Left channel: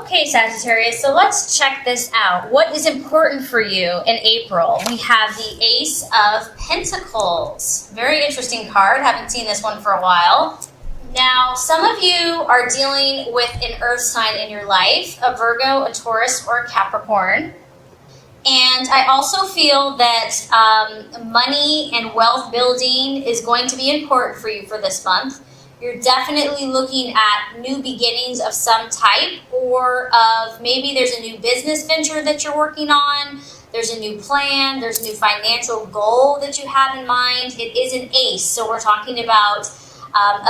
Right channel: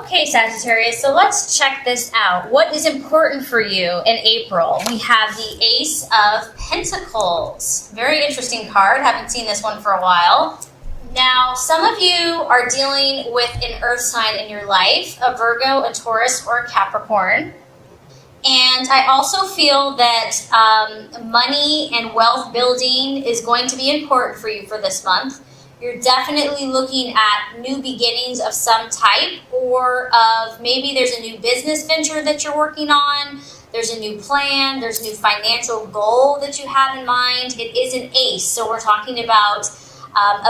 Okay, Sagittarius, so let's check this out. What is important for you in April? We have the Ace of Pentacles. Very interesting card. Haven't seen this one for a while. Now, some of you are dealing with an earth sign in your life, a Virgo, a Taurus, or a Capricorn. And I also feel that money and wealth building is going to be important for you for this month. You're definitely looking at new beginnings of some type, or of maybe there's a new business venture that you're working on. There's a new plan. There's a new financial goal that you have in mind. It is an ace, so we're talking about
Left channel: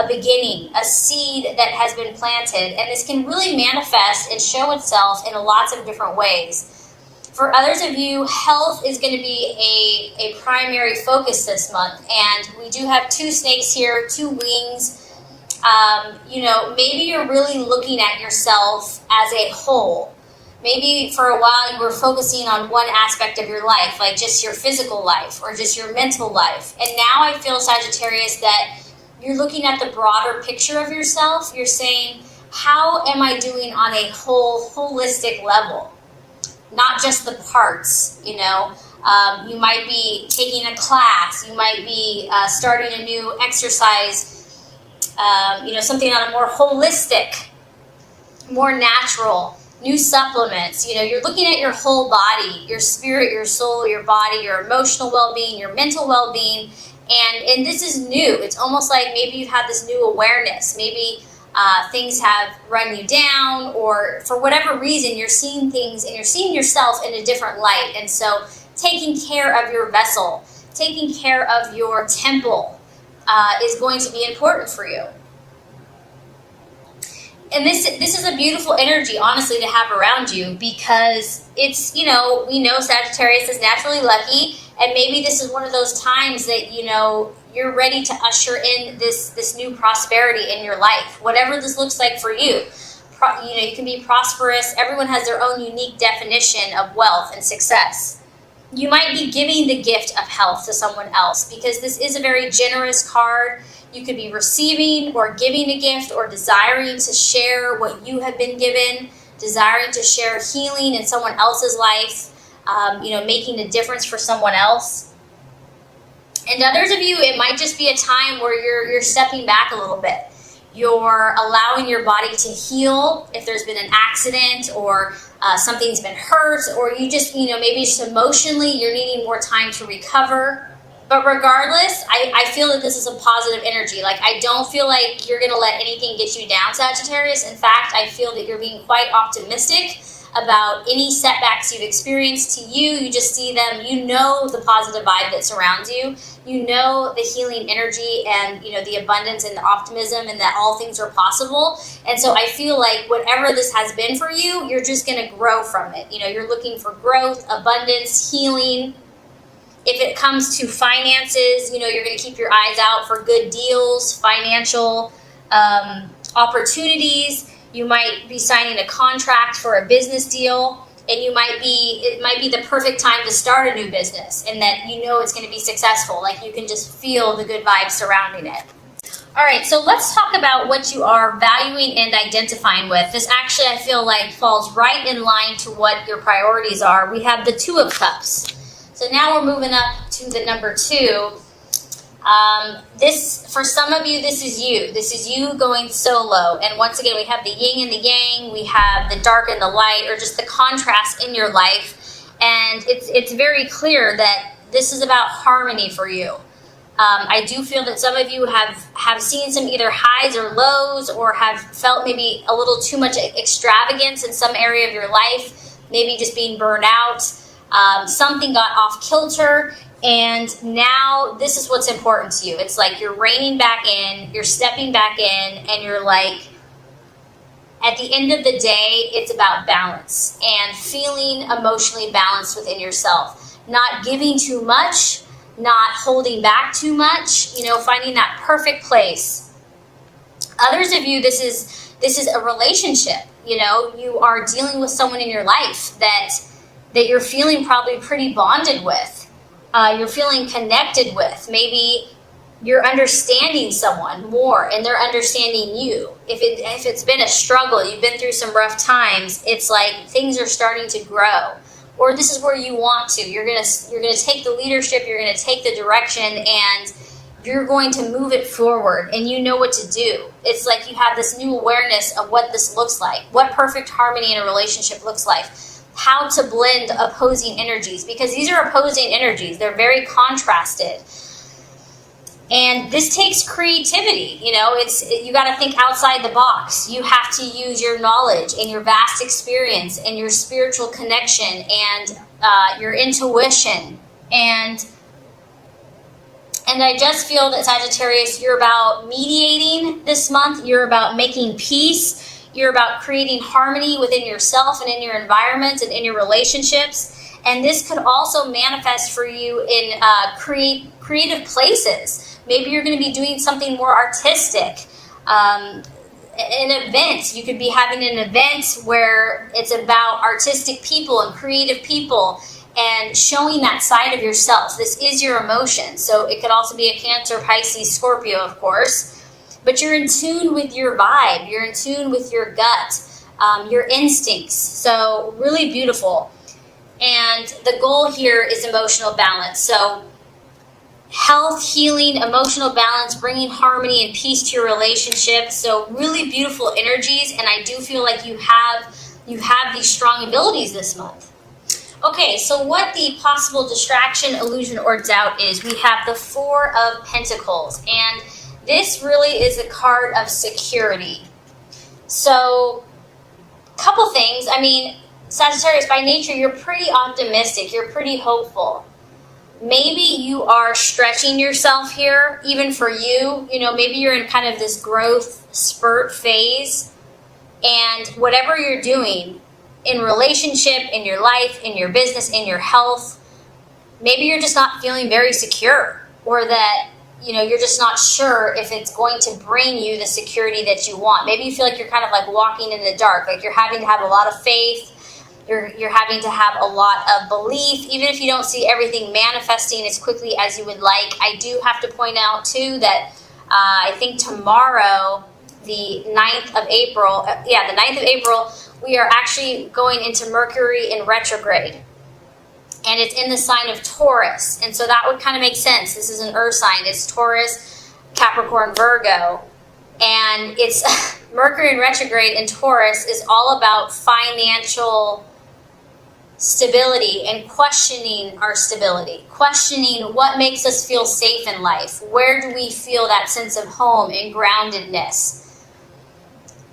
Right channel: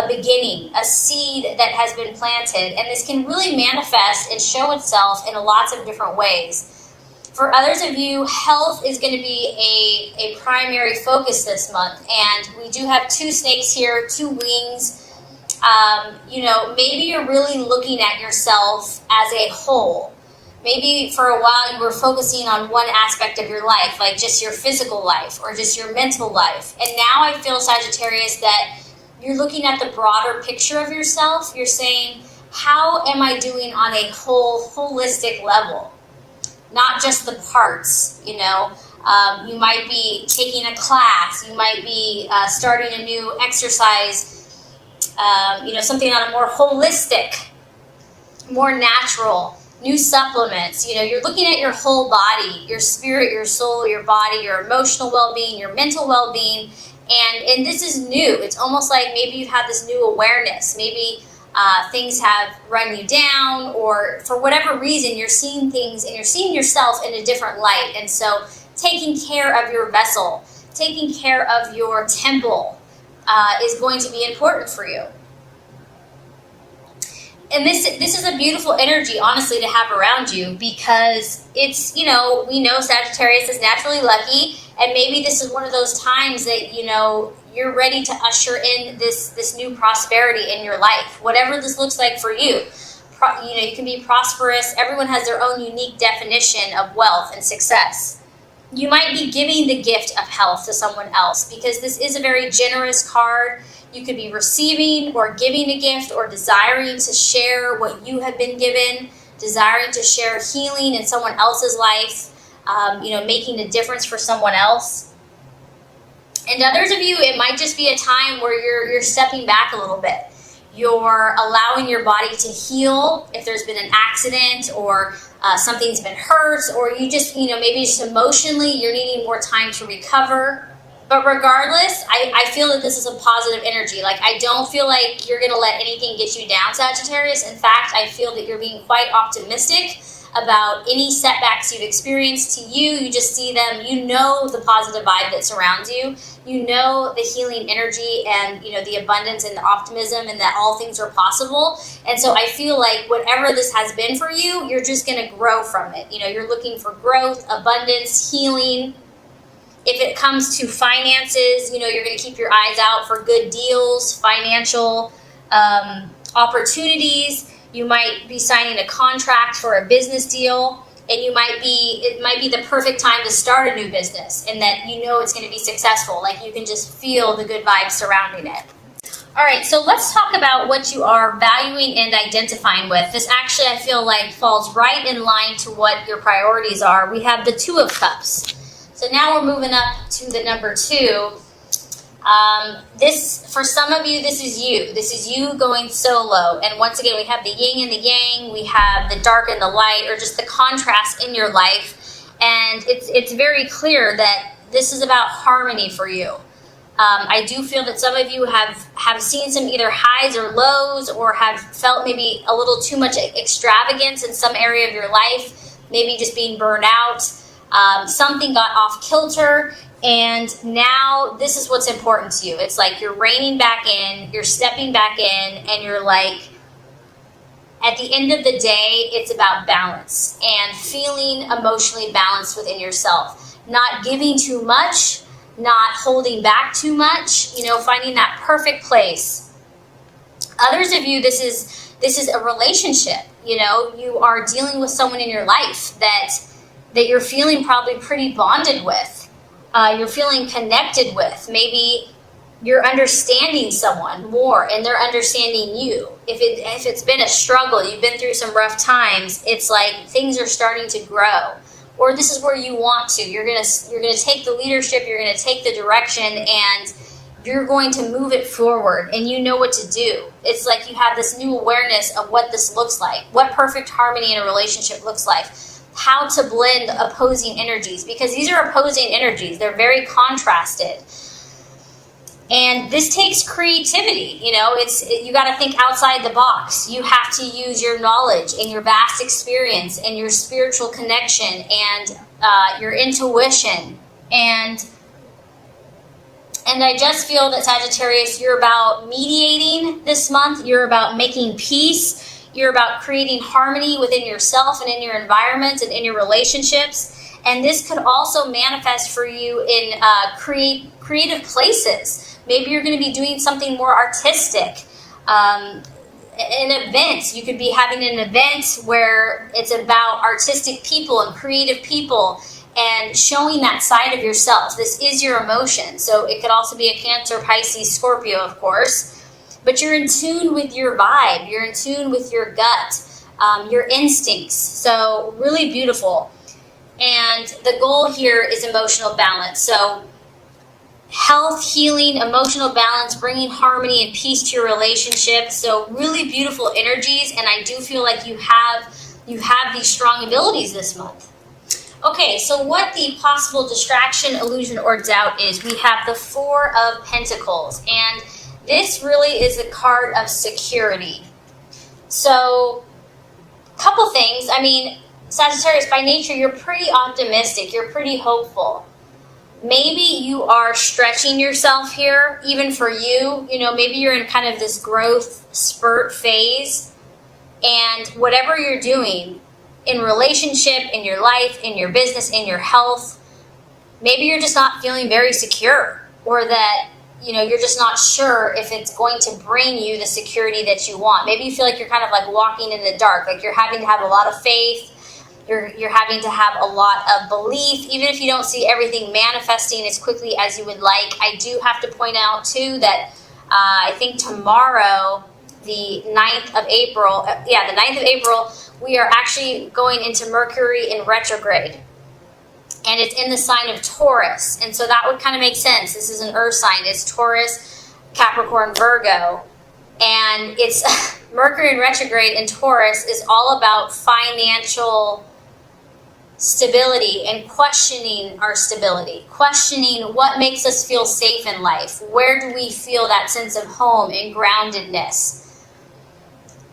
a beginning, a seed that has been planted. And this can really manifest and show itself in lots of different ways. For others of you, health is going to be a primary focus this month. And we do have two snakes here, two wings. Maybe you're really looking at yourself as a whole. Maybe for a while you were focusing on one aspect of your life, like just your physical life or just your mental life. And now I feel, Sagittarius, that you're looking at the broader picture of yourself. You're saying, how am I doing on a holistic level? Not just the parts, you might be taking a class. You might be starting a new exercise, something on a more holistic, more natural, new supplements. You're looking at your whole body, your spirit, your soul, your body, your emotional well-being, your mental well-being. And this is new. It's almost like maybe you have this new awareness. Maybe things have run you down, or for whatever reason, you're seeing things and you're seeing yourself in a different light. And so taking care of your vessel, taking care of your temple is going to be important for you. And this is a beautiful energy, honestly, to have around you, because it's, we know Sagittarius is naturally lucky, and maybe this is one of those times that, you're ready to usher in this new prosperity in your life, whatever this looks like for you. You can be prosperous. Everyone has their own unique definition of wealth and success. You might be giving the gift of health to someone else, because this is a very generous card. You could be receiving or giving a gift, or desiring to share what you have been given, desiring to share healing in someone else's life, making a difference for someone else. And others of you, it might just be a time where you're stepping back a little bit. You're allowing your body to heal if there's been an accident, or something's been hurt, or you just, maybe just emotionally you're needing more time to recover. But regardless, I feel that this is a positive energy. Like, I don't feel like you're going to let anything get you down, Sagittarius. In fact, I feel that you're being quite optimistic about any setbacks you've experienced. To you just see them, the positive vibe that surrounds you, the healing energy, and the abundance and the optimism, and that all things are possible. And so I feel like whatever this has been for you, you're just going to grow from it. You're looking for growth, abundance, healing. If it comes to finances, you're going to keep your eyes out for good deals, financial opportunities. You might be signing a contract for a business deal, and it might be the perfect time to start a new business, and that it's going to be successful. Like, you can just feel the good vibes surrounding it. All right, so let's talk about what you are valuing and identifying with. This actually, I feel like, falls right in line to what your priorities are. We have the Two of Cups. So now we're moving up to the number 2. For some of you, this is you. This is you going solo. And once again, we have the yin and the yang. We have the dark and the light, or just the contrast in your life. And it's very clear that this is about harmony for you. I do feel that some of you have seen some either highs or lows, or have felt maybe a little too much extravagance in some area of your life, maybe just being burned out. Something got off kilter, and now this is what's important to you. It's like you're reining back in, you're stepping back in, and you're like, at the end of the day, it's about balance and feeling emotionally balanced within yourself. Not giving too much, not holding back too much, finding that perfect place. Others of you, this is a relationship. You are dealing with someone in your life that you're feeling probably pretty bonded with. You're feeling connected with. Maybe you're understanding someone more and they're understanding you. If it's been a struggle, you've been through some rough times, it's like things are starting to grow. Or this is where you want to. You're gonna take the leadership, you're gonna take the direction, and you're going to move it forward, and you know what to do. It's like you have this new awareness of what this looks like, what perfect harmony in a relationship looks like, how to blend opposing energies, because these are opposing energies. They're very contrasted. And this takes creativity, you got to think outside the box. You have to use your knowledge and your vast experience and your spiritual connection and your intuition. And I just feel that, Sagittarius, you're about mediating this month. You're about making peace. You're about creating harmony within yourself and in your environment and in your relationships. And this could also manifest for you in creative places. Maybe you're going to be doing something more artistic. An event. You could be having an event where it's about artistic people and creative people and showing that side of yourself. This is your emotion. So it could also be a Cancer, Pisces, Scorpio, of course. But you're in tune with your vibe. You're in tune with your gut, your instincts. So really beautiful. And the goal here is emotional balance. So health, healing, emotional balance, bringing harmony and peace to your relationship. So really beautiful energies, and I do feel like you have these strong abilities this month. Okay, so what the possible distraction, illusion, or doubt is, we have the Four of Pentacles, and this really is a card of security. So, couple things. I mean, Sagittarius, by nature, you're pretty optimistic. You're pretty hopeful. Maybe you are stretching yourself here, even for you. Maybe you're in kind of this growth spurt phase. And whatever you're doing in relationship, in your life, in your business, in your health, maybe you're just not feeling very secure. Or that, you're just not sure if it's going to bring you the security that you want. Maybe you feel like you're kind of like walking in the dark. Like you're having to have a lot of faith. You're having to have a lot of belief, even if you don't see everything manifesting as quickly as you would like. I do have to point out, too, that I think tomorrow, the 9th of April, we are actually going into Mercury in retrograde. And it's in the sign of Taurus. And so that one kind of makes sense. This is an earth sign. It's Taurus, Capricorn, Virgo. And it's Mercury in retrograde in Taurus is all about financial stability and questioning our stability, questioning what makes us feel safe in life. Where do we feel that sense of home and groundedness?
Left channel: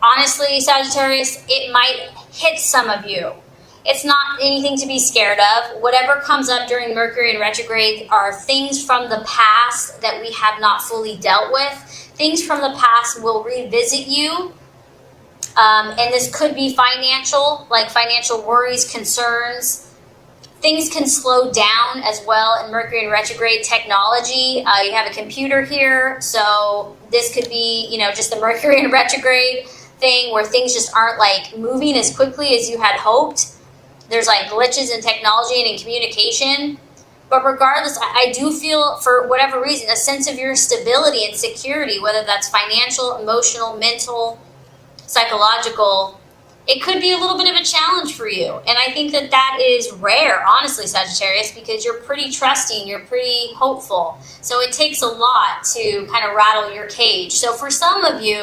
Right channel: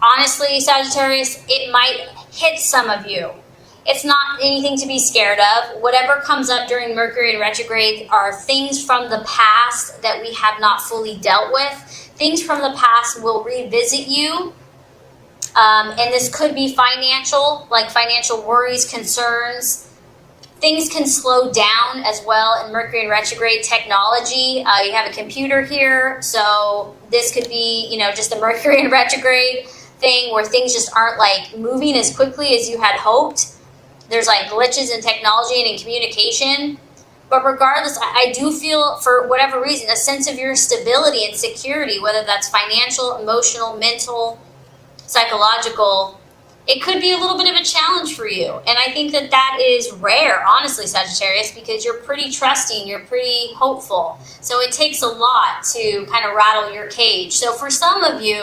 Honestly, Sagittarius, it might hit some of you. It's not anything to be scared of. Whatever comes up during Mercury in retrograde are things from the past that we have not fully dealt with. Things from the past will revisit you. And this could be financial, like financial worries, concerns. Things can slow down as well in Mercury in retrograde technology. You have a computer here, so this could be, just the Mercury in retrograde thing where things just aren't like moving as quickly as you had hoped. There's like glitches in technology and in communication. But regardless, I do feel, for whatever reason, a sense of your stability and security, whether that's financial, emotional, mental, psychological. It could be a little bit of a challenge for you. And I think that is rare, honestly, Sagittarius, because you're pretty trusting, you're pretty hopeful. So it takes a lot to kind of rattle your cage. So for some of you,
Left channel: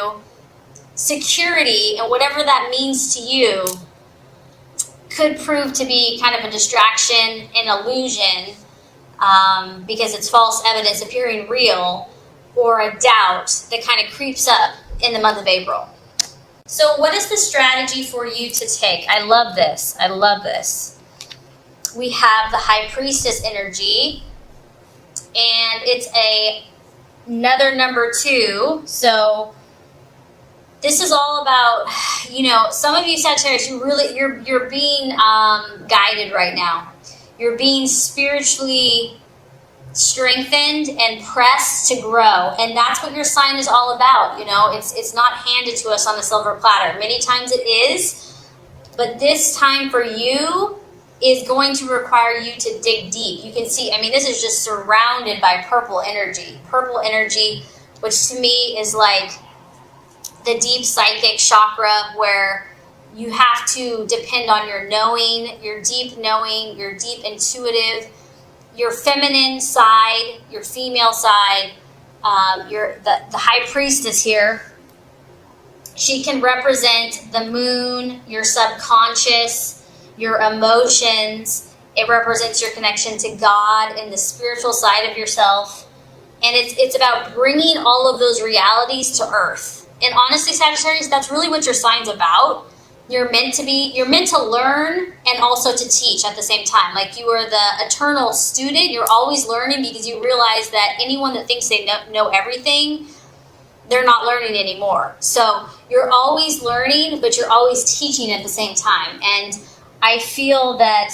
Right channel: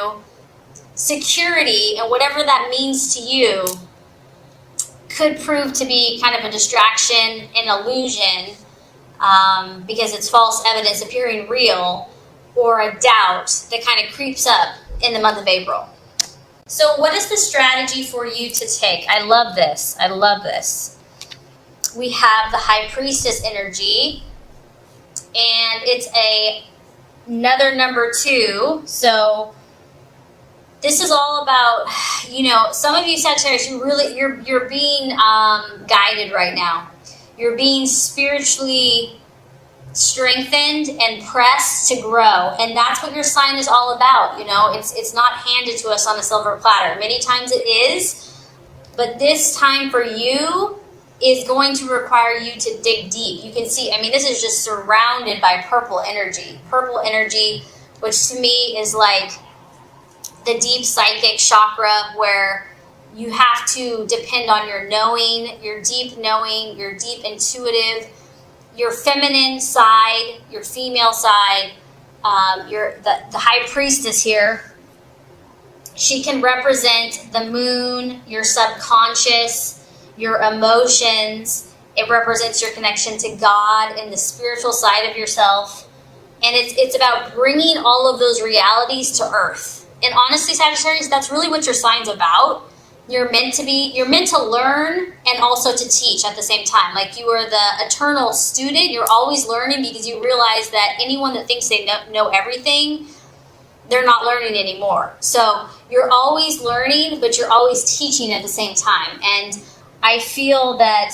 security and whatever that means to you could prove to be kind of a distraction, an illusion, because it's false evidence appearing real, or a doubt that kind of creeps up in the month of April. So what is the strategy for you to take? I love this. I love this. We have the High Priestess energy, and it's another number 2. So this is all about, some of you Sagittarius, you're being guided right now. You're being spiritually strengthened and pressed to grow, and that's what your sign is all about. It's not handed to us on a silver platter. Many times it is, but this time for you is going to require you to dig deep. You can see, I mean, this is just surrounded by purple energy. Purple energy, which to me is like the deep psychic chakra, where you have to depend on your knowing, your deep intuitive, your feminine side, your female side, the high priestess here. She can represent the moon, your subconscious, your emotions. It represents your connection to God and the spiritual side of yourself. And it's about bringing all of those realities to earth. And honestly, Sagittarius, that's really what your sign's about. You're meant to learn and also to teach at the same time. Like, you are the eternal student. You're always learning, because you realize that anyone that thinks they know everything, they're not learning anymore. So you're always learning, but you're always teaching at the same time. And I feel that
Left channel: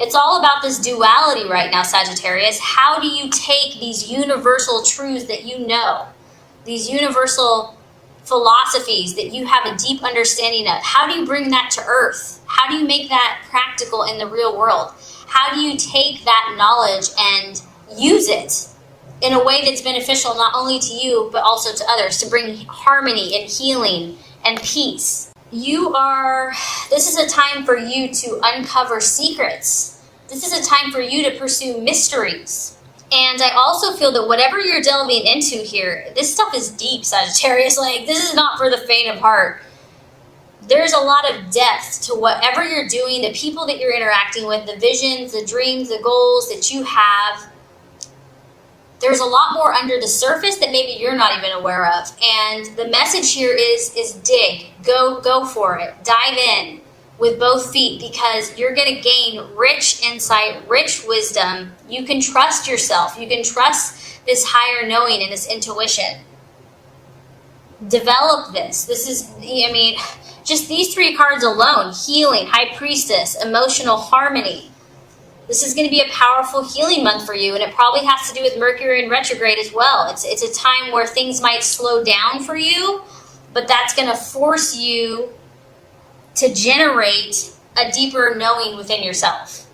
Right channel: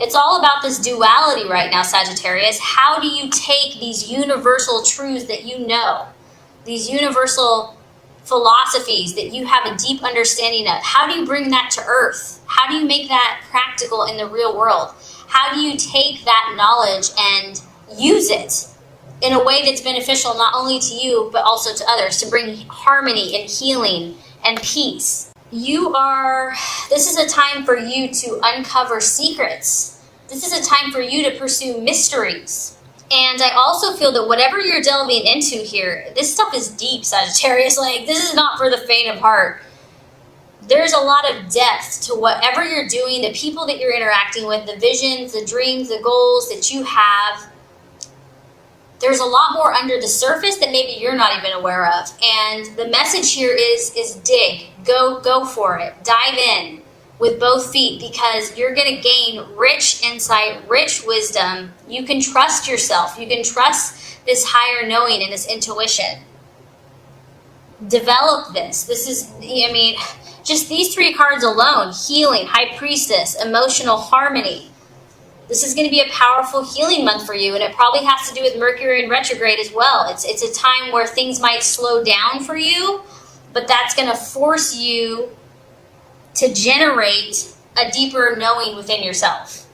it's all about this duality right now, Sagittarius. How do you take these universal truths that you know, these universal philosophies that you have a deep understanding of? How do you bring that to earth? How do you make that practical in the real world? How do you take that knowledge and use it in a way that's beneficial not only to you, but also to others, to bring harmony and healing and peace? This is a time for you to uncover secrets. This is a time for you to pursue mysteries. And I also feel that whatever you're delving into here, this stuff is deep, Sagittarius. Like, this is not for the faint of heart. There's a lot of depth to whatever you're doing, the people that you're interacting with, the visions, the dreams, the goals that you have. There's a lot more under the surface that maybe you're not even aware of. And the message here is dig. Go for it. Dive in with both feet, because you're going to gain rich insight, rich wisdom. You can trust yourself. You can trust this higher knowing and this intuition. Develop this. This is, I mean, just these three cards alone: healing, high priestess, emotional harmony. This is going to be a powerful healing month for you, and it probably has to do with Mercury in retrograde as well. It's a time where things might slow down for you, but that's going to force you to generate a deeper knowing within yourself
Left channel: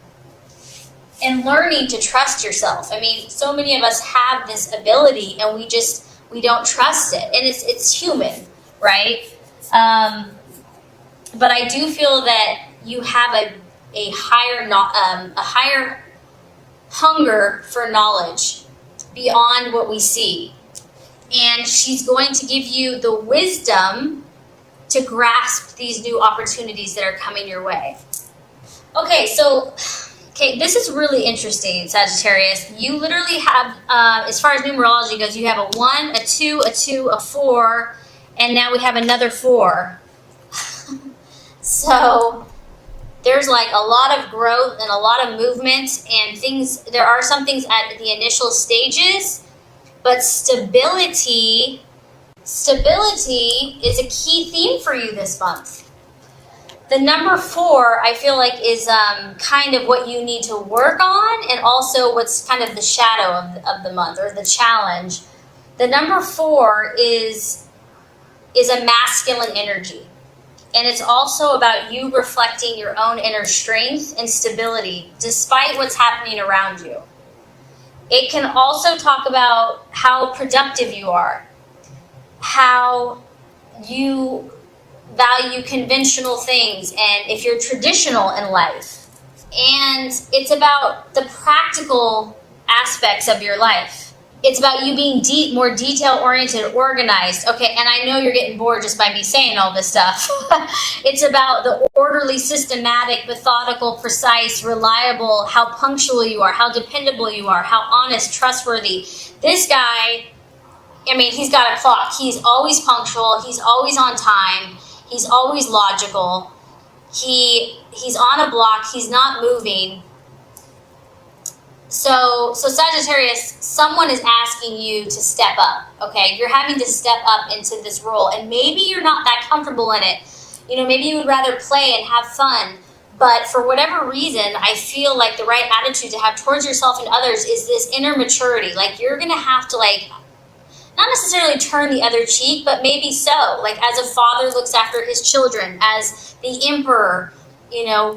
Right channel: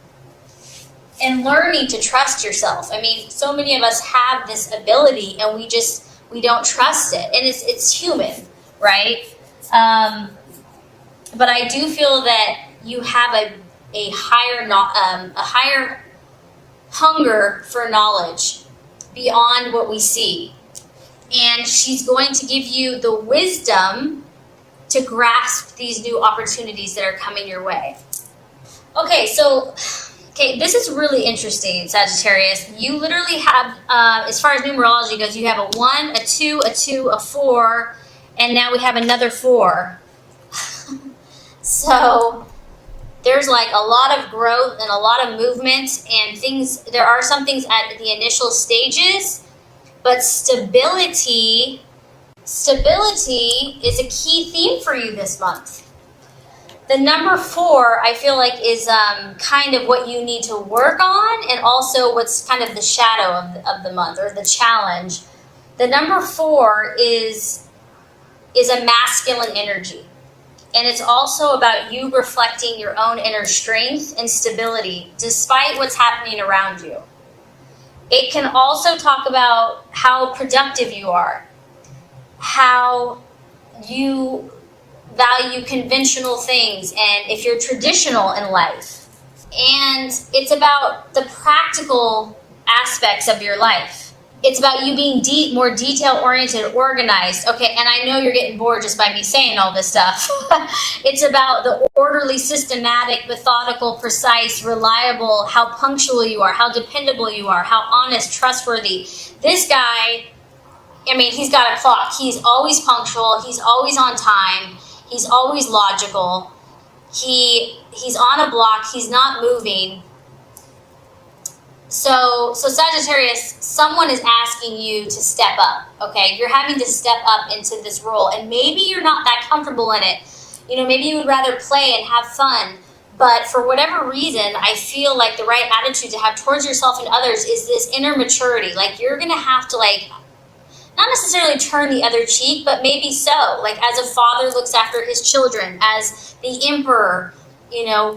and learning to trust yourself. I mean, so many of us have this ability, and we don't trust it, and it's human, right? But I do feel that you have a higher hunger for knowledge beyond what we see, and she's going to give you the wisdom to grasp these new opportunities that are coming your way. Okay, this is really interesting, Sagittarius. You literally have, as far as numerology goes, you have a 1, a 2, a 2, a 4, and now we have another 4. So there's like a lot of growth and a lot of movement and things. There are some things at the initial stages, but stability is a key theme for you this month. The number 4, I feel like, is kind of what you need to work on, and also what's kind of the shadow of the month, or the challenge. The number 4 is a masculine energy. And it's also about you reflecting your own inner strength and stability despite what's happening around you. It can also talk about how productive you are, how you value conventional things, and if you're traditional in life. And it's about the practical aspects of your life. It's about you being more detail-oriented, organized. Okay, and I know you're getting bored just by me saying all this stuff. It's about the orderly, systematic, methodical, precise, reliable, how punctual you are, how dependable you are, how honest, trustworthy. This guy, I mean, he's got a clock. He's always punctual. He's always on time. He's always logical. He's on a block. He's not moving. So Sagittarius, someone is asking you to step up, okay? You're having to step up into this role, and maybe you're not that comfortable in it. You know, maybe you would rather play and have fun, but for whatever reason, I feel like the right attitude to have towards yourself and others is this inner maturity. Like, you're going to have to, like, not necessarily turn the other cheek, but maybe so. Like, as a father looks after his children, as the emperor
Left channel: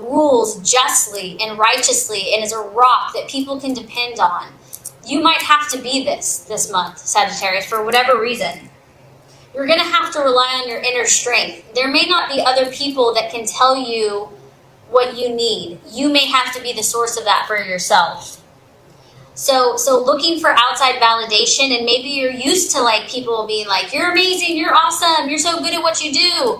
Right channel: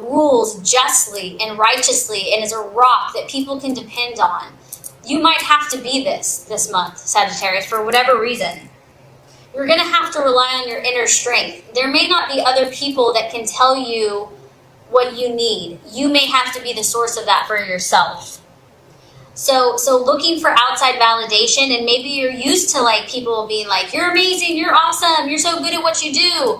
rules justly and righteously and is a rock that people can depend on. You might have to be this month, Sagittarius, for whatever reason. You're going to have to rely on your inner strength. There may not be other people that can tell you what you need. You may have to be the source of that for yourself. So looking for outside validation, and maybe you're used to people being like, you're amazing, you're awesome, you're so good at what you do.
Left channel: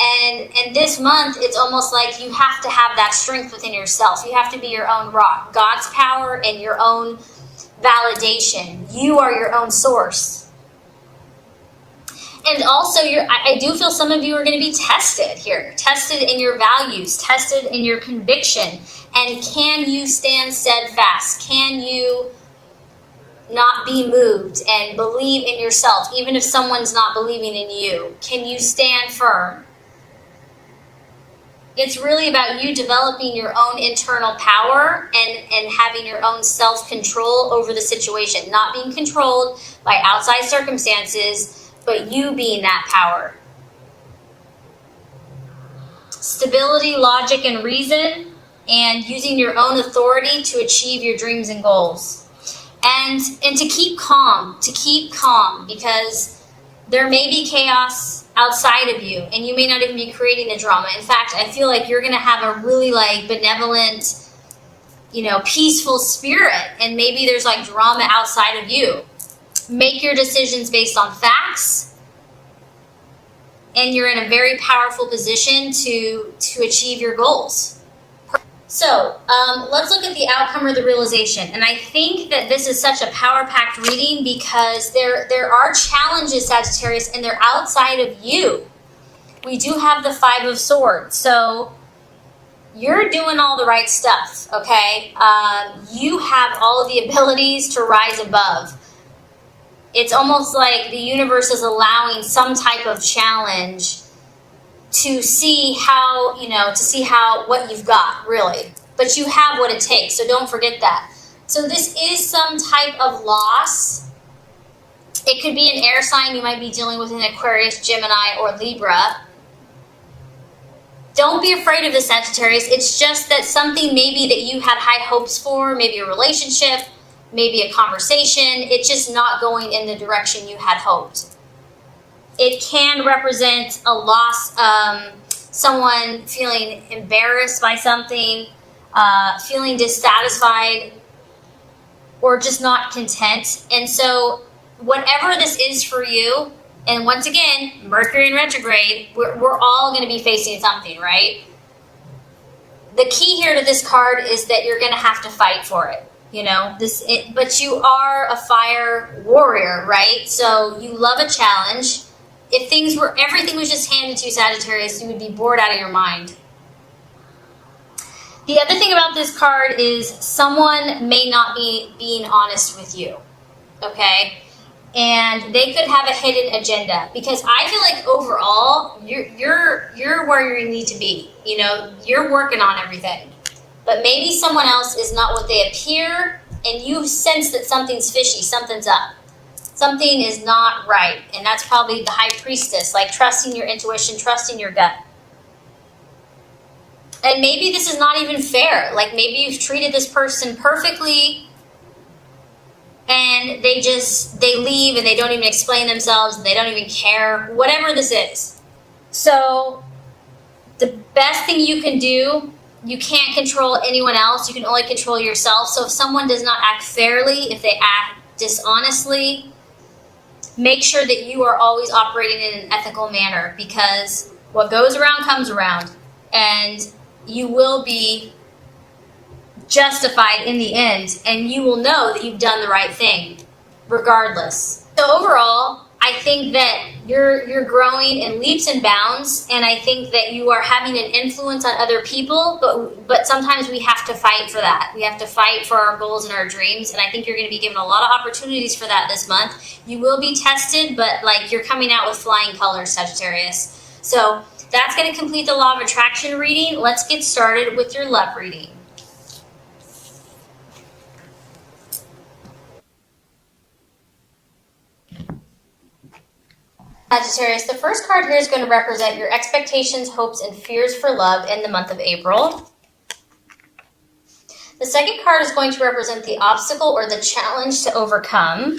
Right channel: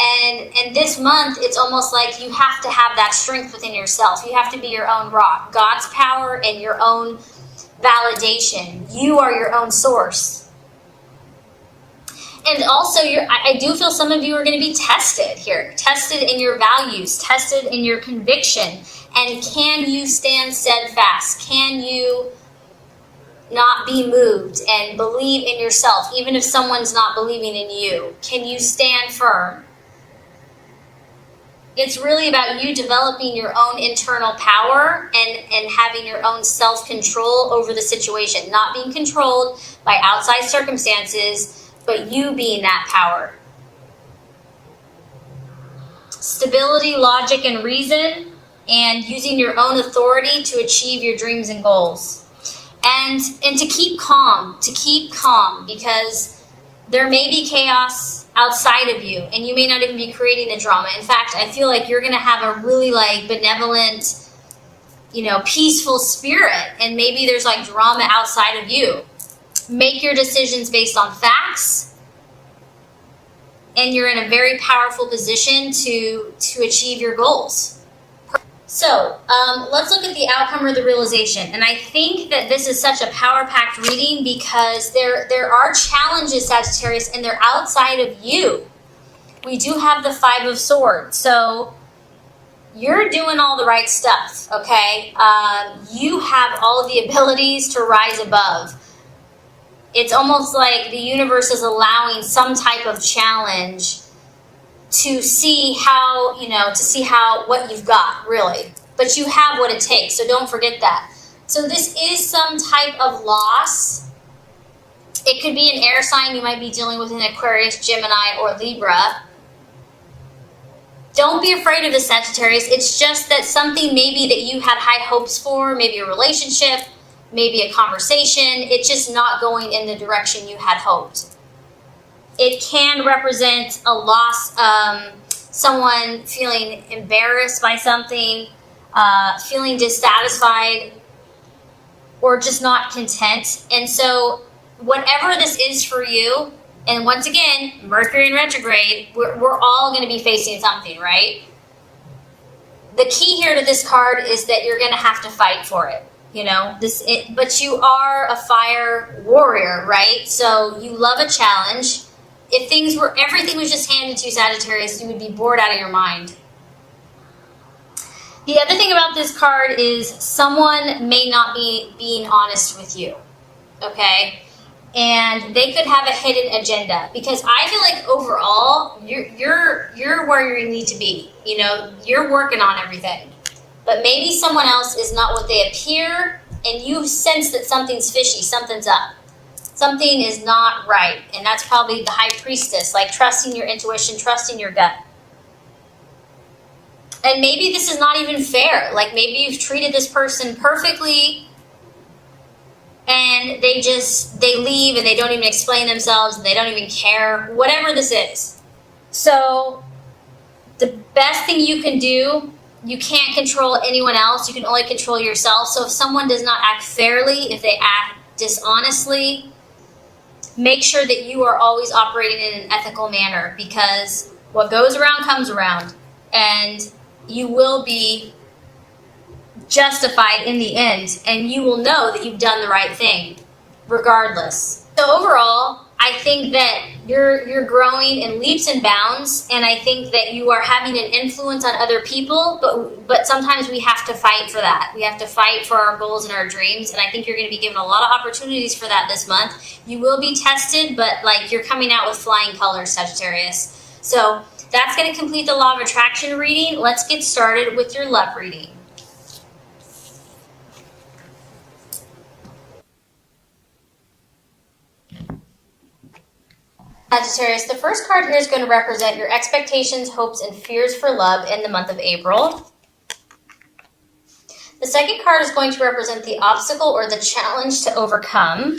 And this month, it's almost like you have to have that strength within yourself. You have to be your own rock. God's power and your own validation. You are your own source. And also, I do feel some of you are going to be tested here. Tested in your values. Tested in your conviction. And can you stand steadfast? Can you not be moved and believe in yourself, even if someone's not believing in you? Can you stand firm? It's really about you developing your own internal power and having your own self-control over the situation. Not being controlled by outside circumstances, but you being that power. Stability, logic, and reason, and using your own authority to achieve your dreams and goals. And to keep calm, because there may be chaos outside of you, and you may not even be creating the drama. In fact, I feel like you're going to have a really benevolent, peaceful spirit, and maybe there's drama outside of you. Make your decisions based on facts, and you're in a very powerful position to achieve your goals. So, let's look at the outcome or the realization. And I think that this is such a power-packed reading because there are challenges, Sagittarius, and they're outside of you. We do have the Five of Swords. So, you're doing all the right stuff, okay? You have all of the abilities to rise above. It's almost like the universe is allowing some type of challenge to see what you've got, really. But you have what it takes, so don't forget that. So this is some type of loss. It could be an air sign. You might be dealing with an Aquarius, Gemini, or Libra. Don't be afraid of the Sagittarius. It's just that something maybe that you had high hopes for, maybe a relationship, maybe a conversation, it's just not going in the direction you had hoped. It can represent a loss, someone feeling embarrassed by something, feeling dissatisfied, or just not content. And so whatever this is for you, and once again, Mercury in retrograde, we're all going to be facing something, right? The key here to this card is that you're going to have to fight for it. But you are a fire warrior, right? So you love a challenge. If everything was just handed to you, Sagittarius, you would be bored out of your mind. The other thing about this card is someone may not be being honest with you, okay? And they could have a hidden agenda, because I feel like overall you're where you need to be. You're working on everything, but maybe someone else is not what they appear, and you sense that something's fishy, something's up. Something is not right, and that's probably the High Priestess, trusting your intuition, trusting your gut. And maybe this is not even fair. Maybe you've treated this person perfectly, and they leave, and they don't even explain themselves, and they don't even care, whatever this is. So, the best thing you can do, you can't control anyone else, you can only control yourself. So if someone does not act fairly, if they act dishonestly, make sure that you are always operating in an ethical manner, because what goes around comes around, and you will be justified in the end, and you will know that you've done the right thing regardless. So overall, I think that you're growing in leaps and bounds, and I think that you are having an influence on other people, but sometimes we have to fight for that. We have to fight for our goals and our dreams, and I think you're going to be given a lot of opportunities for that this month. You will be tested, but you're coming out with flying colors, Sagittarius. So that's going to complete the Law of Attraction reading. Let's get started with your love reading. Sagittarius, the first card here is going to represent your expectations, hopes, and fears for love in the month of April. The second card is going to represent the obstacle or the challenge to overcome.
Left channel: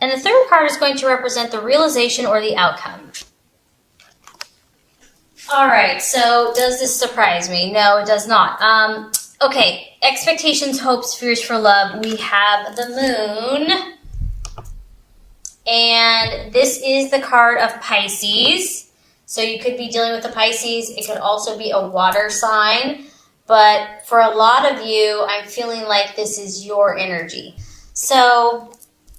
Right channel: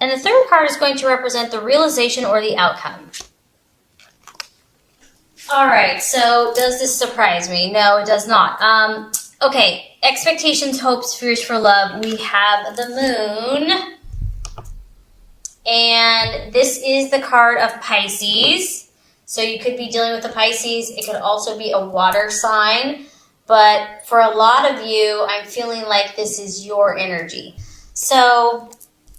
And the third card is going to represent the realization or the outcome. All right, so does this surprise me? No, it does not. Okay, expectations, hopes, fears for love. We have the moon. And this is the card of Pisces. So you could be dealing with the Pisces. It could also be a water sign. But for a lot of you, I'm feeling like this is your energy. So,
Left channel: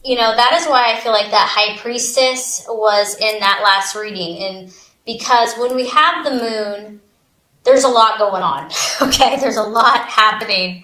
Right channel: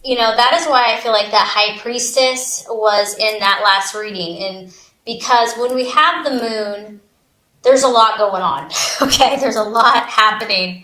that is why I feel like that High Priestess was in that last reading. And because when we have the moon, there's a lot going on. Okay, there's a lot happening.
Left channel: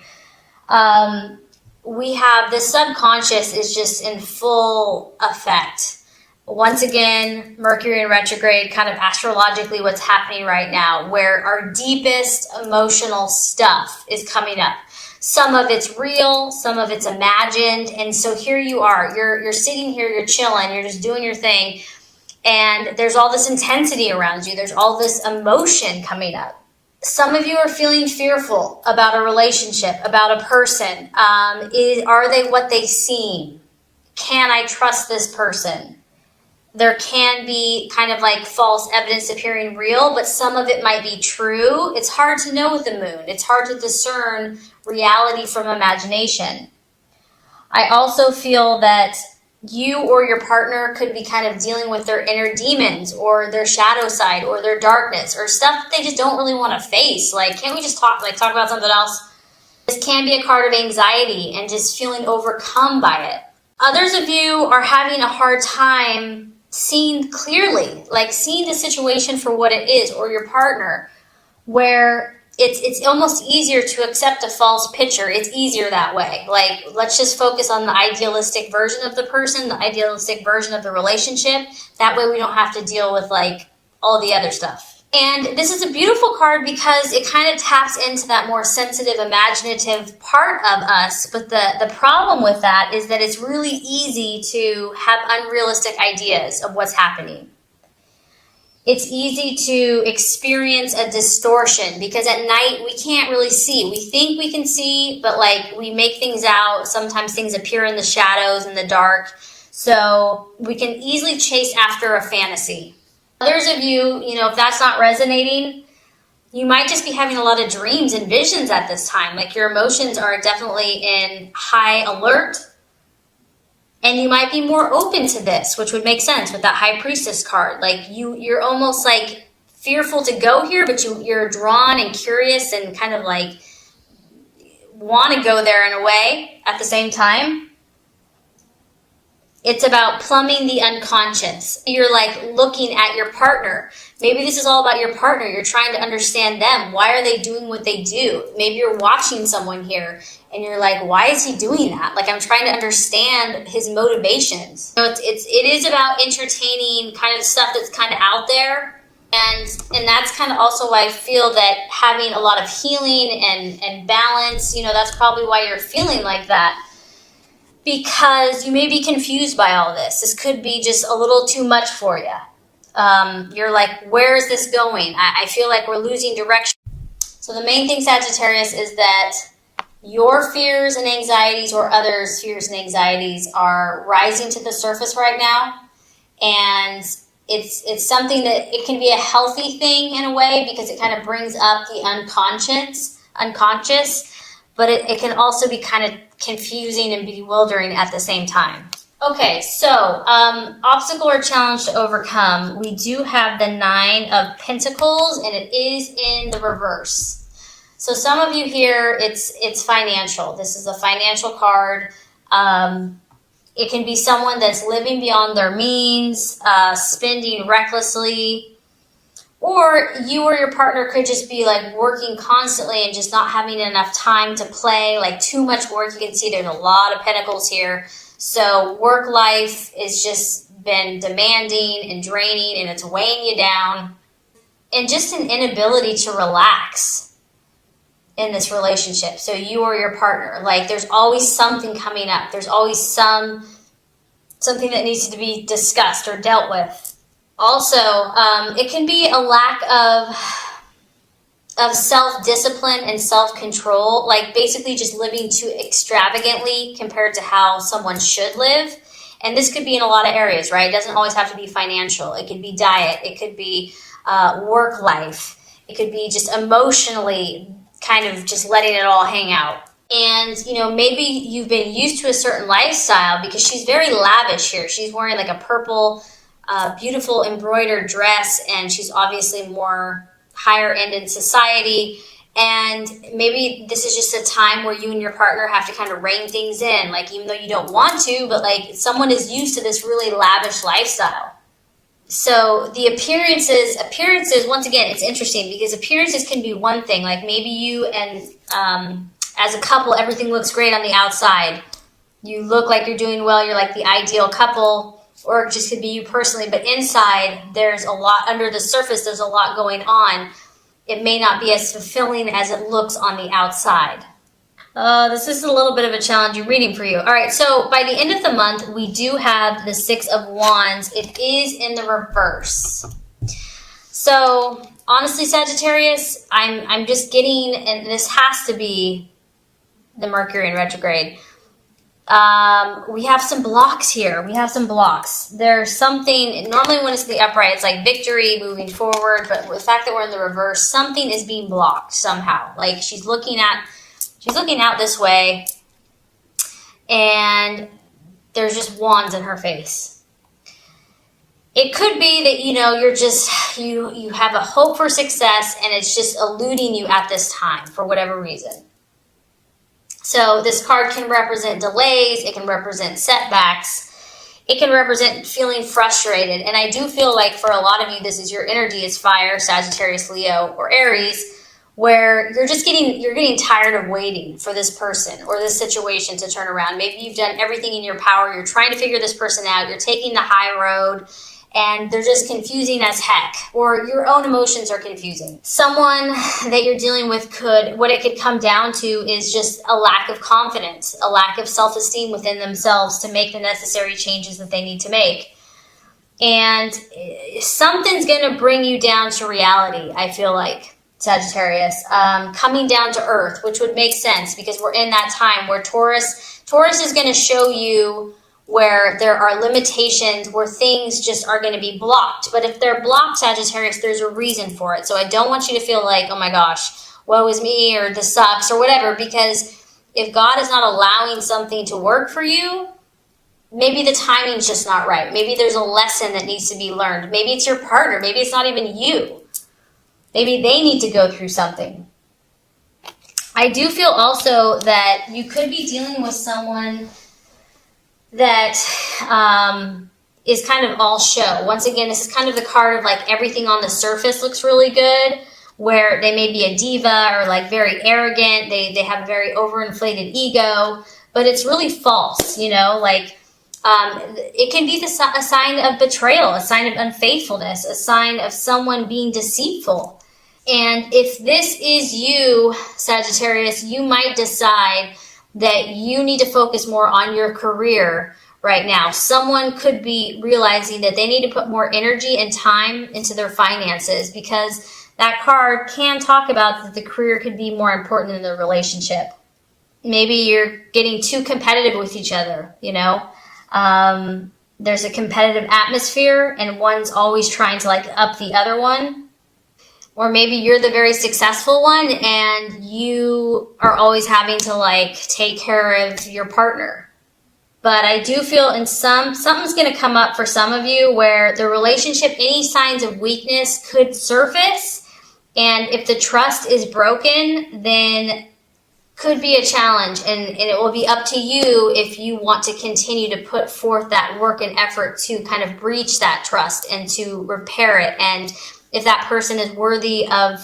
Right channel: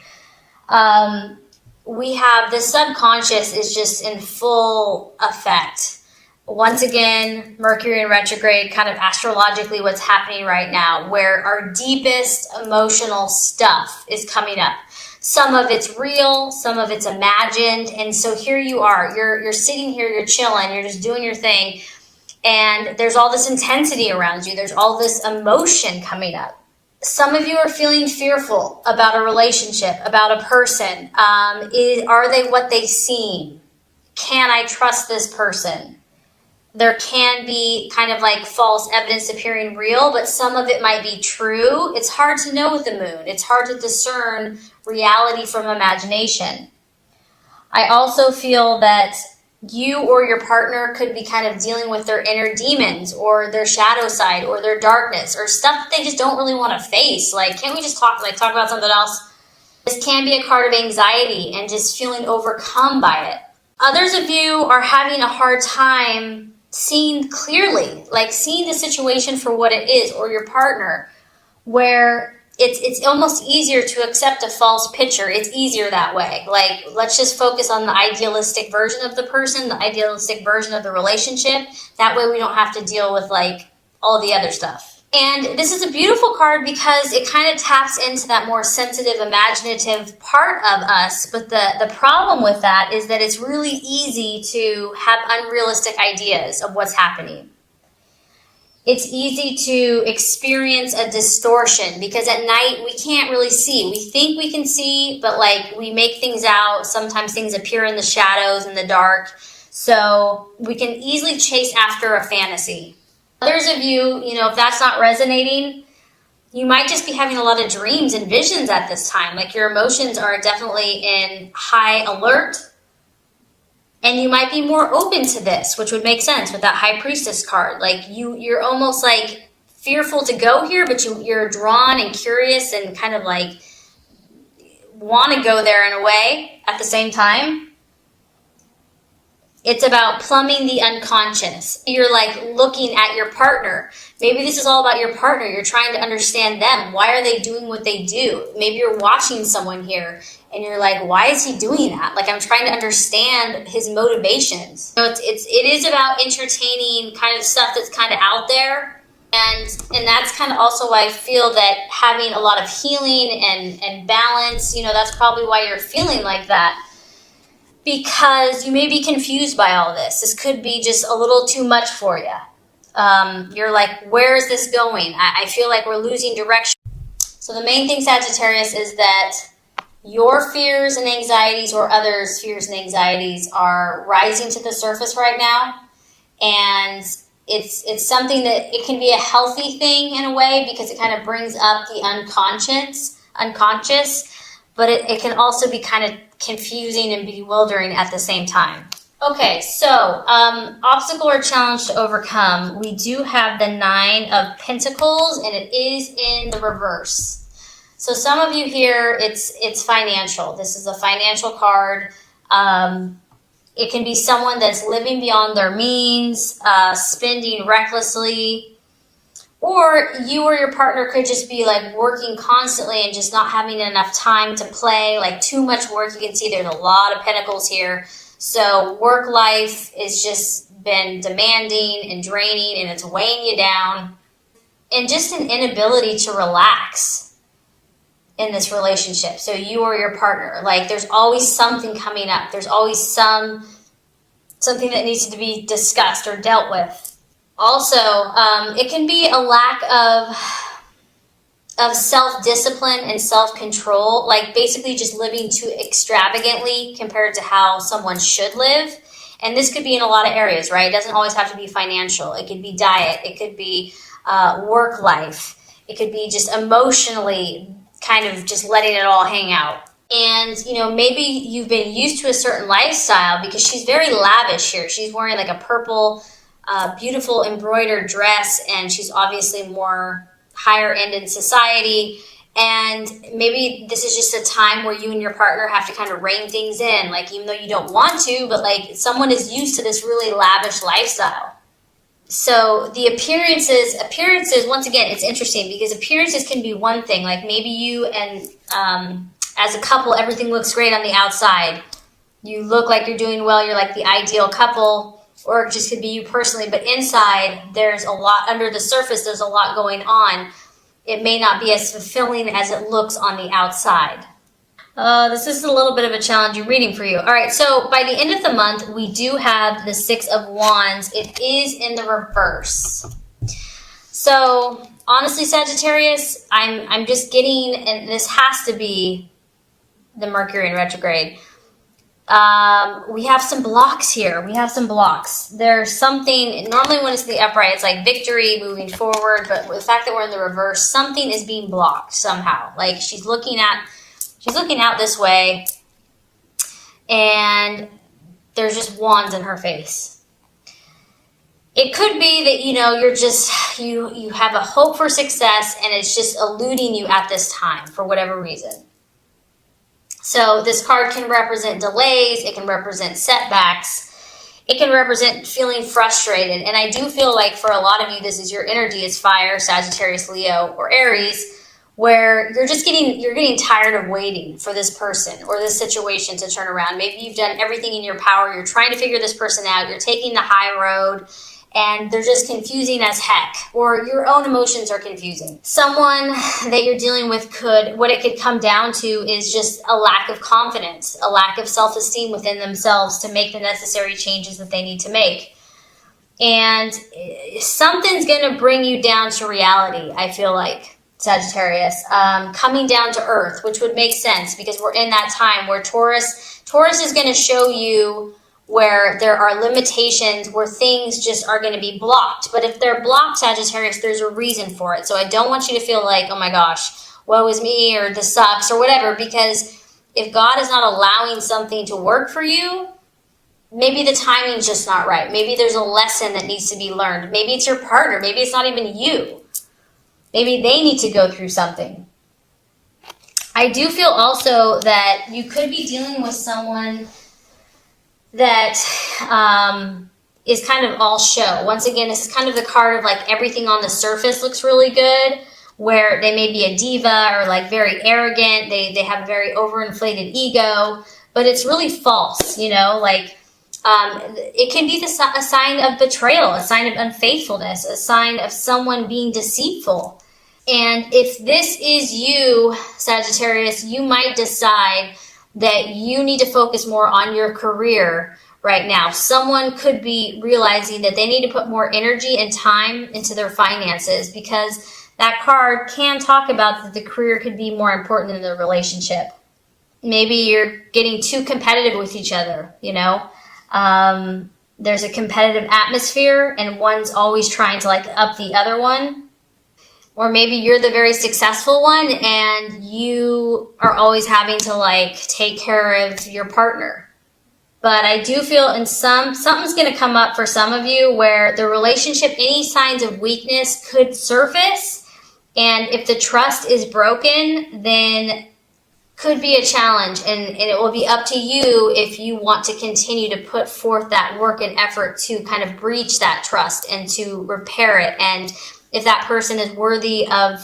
We have the subconscious is just in full effect. Once again, Mercury in retrograde, kind of astrologically what's happening right now, where our deepest emotional stuff is coming up. Some of it's real, some of it's imagined, and so here you are. You're sitting here, you're chilling, you're just doing your thing, and there's all this intensity around you. There's all this emotion coming up. Some of you are feeling fearful about a relationship, about a person. Are they what they seem? Can I trust this person? There can be kind of like false evidence appearing real, but some of it might be true. It's hard to know with the moon. It's hard to discern reality from imagination. I also feel that you or your partner could be kind of dealing with their inner demons or their shadow side or their darkness or stuff that they just don't really want to face. Like, can't we just talk about something else? This can be a card of anxiety and just feeling overcome by it. Others of you are having a hard time seeing clearly, like seeing the situation for what it is, or your partner, where it's almost easier to accept a false picture. It's easier that way. Like, let's just focus on the idealistic version of the person, the idealistic version of the relationship. That way we don't have to deal with like all the other stuff. And this is a beautiful card because it kind of taps into that more sensitive, imaginative part of us. But the problem with that is that it's really easy to have unrealistic ideas of what's happening. It's easy to experience a distortion because at night we can't really see. We think we can see, but like we make things out. Sometimes things appear in the shadows, in the dark. So we can easily chase after a fantasy. Others of you, if that's not resonating, you might just be having a lot of dreams and visions at this time. Like your emotions are definitely in high alert. And you might be more open to this, which would make sense with that High Priestess card. Like you're almost like fearful to go here, but you're drawn and curious and kind of like want to go there in a way at the same time. It's about plumbing the unconscious. You're like looking at your partner. Maybe this is all about your partner. You're trying to understand them. Why are they doing what they do? Maybe you're watching someone here and you're like, why is he doing that? Like, I'm trying to understand his motivations. So it is about entertaining kind of stuff that's kind of out there. And that's kind of also why I feel that having a lot of healing and balance, that's probably why you're feeling like that. Because you may be confused by all this. This could be just a little too much for you. You're like, where is this going? I feel like we're losing direction. So the main thing, Sagittarius, is that your fears and anxieties or others' fears and anxieties are rising to the surface right now. And it's something that it can be a healthy thing in a way because it kind of brings up the unconscious, but it can also be kind of confusing and bewildering at the same time. Okay, so obstacle or challenge to overcome. We do have the 9 of Pentacles, and it is in the reverse. So some of you here, it's financial. This is a financial card. It can be someone that's living beyond their means, spending recklessly, or you or your partner could just be like working constantly and just not having enough time to play, like too much work. You can see there's a lot of pentacles here. So work life is just been demanding and draining and it's weighing you down. And just an inability to relax in this relationship. So you or your partner, like there's always something coming up. There's always some something that needs to be discussed or dealt with. Also, it can be a lack of self-discipline and self-control, like basically just living too extravagantly compared to how someone should live. And this could be in a lot of areas, right? It doesn't always have to be financial. It could be diet. It could be work life. It could be just emotionally kind of just letting it all hang out. And, maybe you've been used to a certain lifestyle because she's very lavish here. She's wearing like a purple, beautiful embroidered dress, and she's obviously more higher end in society. And maybe this is just a time where you and your partner have to kind of rein things in, like even though you don't want to, but like someone is used to this really lavish lifestyle. So the appearances, once again, it's interesting because appearances can be one thing. Like maybe you and as a couple, everything looks great on the outside. You look like you're doing well. You're like the ideal couple, or it just could be you personally. But inside, there's a lot under the surface. There's a lot going on. It may not be as fulfilling as it looks on the outside. This is a little bit of a challenging reading for you. All right, so by the end of the month, we do have the Six of Wands. It is in the reverse. So honestly, Sagittarius, I'm just getting, and this has to be the Mercury in retrograde. We have some blocks here. There's something, normally when it's the upright, it's like victory, moving forward, but the fact that we're in the reverse, something is being blocked somehow. Like she's looking out this way, and there's just wands in her face. It could be that, you're just, you have a hope for success, and it's just eluding you at this time for whatever reason. So this card can represent delays, it can represent setbacks, it can represent feeling frustrated. And I do feel like for a lot of you, this is your energy is fire, Sagittarius, Leo, or Aries, where you're getting tired of waiting for this person or this situation to turn around. Maybe you've done everything in your power, you're trying to figure this person out, you're taking the high road, and they're just confusing as heck, or your own emotions are confusing. Someone that you're dealing with what it could come down to is just a lack of confidence, a lack of self-esteem within themselves to make the necessary changes that they need to make. And something's going to bring you down to reality, I feel like, Sagittarius, coming down to earth, which would make sense because we're in that time where Taurus is going to show you where there are limitations, where things just are going to be blocked. But if they're blocked, Sagittarius, there's a reason for it. So I don't want you to feel like, oh my gosh, woe is me, or this sucks, or whatever, because if God is not allowing something to work for you, maybe the timing's just not right. Maybe there's a lesson that needs to be learned. Maybe it's your partner. Maybe it's not even you. Maybe they need to go through something. I do feel also that you could be dealing with someone that is kind of all show. Once again, this is kind of the card of like everything on the surface looks really good, where they may be a diva or like very arrogant. They have a very overinflated ego, but it's really false, like it can be a sign of betrayal, a sign of unfaithfulness, a sign of someone being deceitful. And if this is you, Sagittarius, you might decide that you need to focus more on your career right now. Someone could be realizing that they need to put more energy and time into their finances, because that card can talk about that the career could be more important than the relationship. Maybe you're getting too competitive with each other, There's a competitive atmosphere and one's always trying to like up the other one. Or maybe you're the very successful one and you are always having to like take care of your partner. But I do feel something's going to come up for some of you where the relationship, any signs of weakness could surface. And if the trust is broken, then could be a challenge. And it will be up to you if you want to continue to put forth that work and effort to kind of breach that trust and to repair it. And if that person is worthy of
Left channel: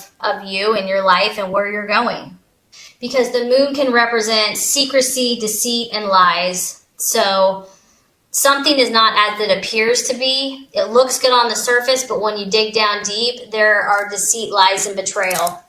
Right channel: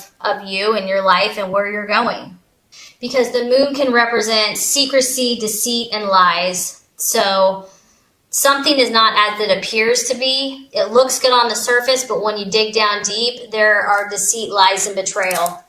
you and your life and where you're going. Because the moon can represent secrecy, deceit, and lies. So something is not as it appears to be. It looks good on the surface, but when you dig down deep, there are deceit, lies, and betrayal.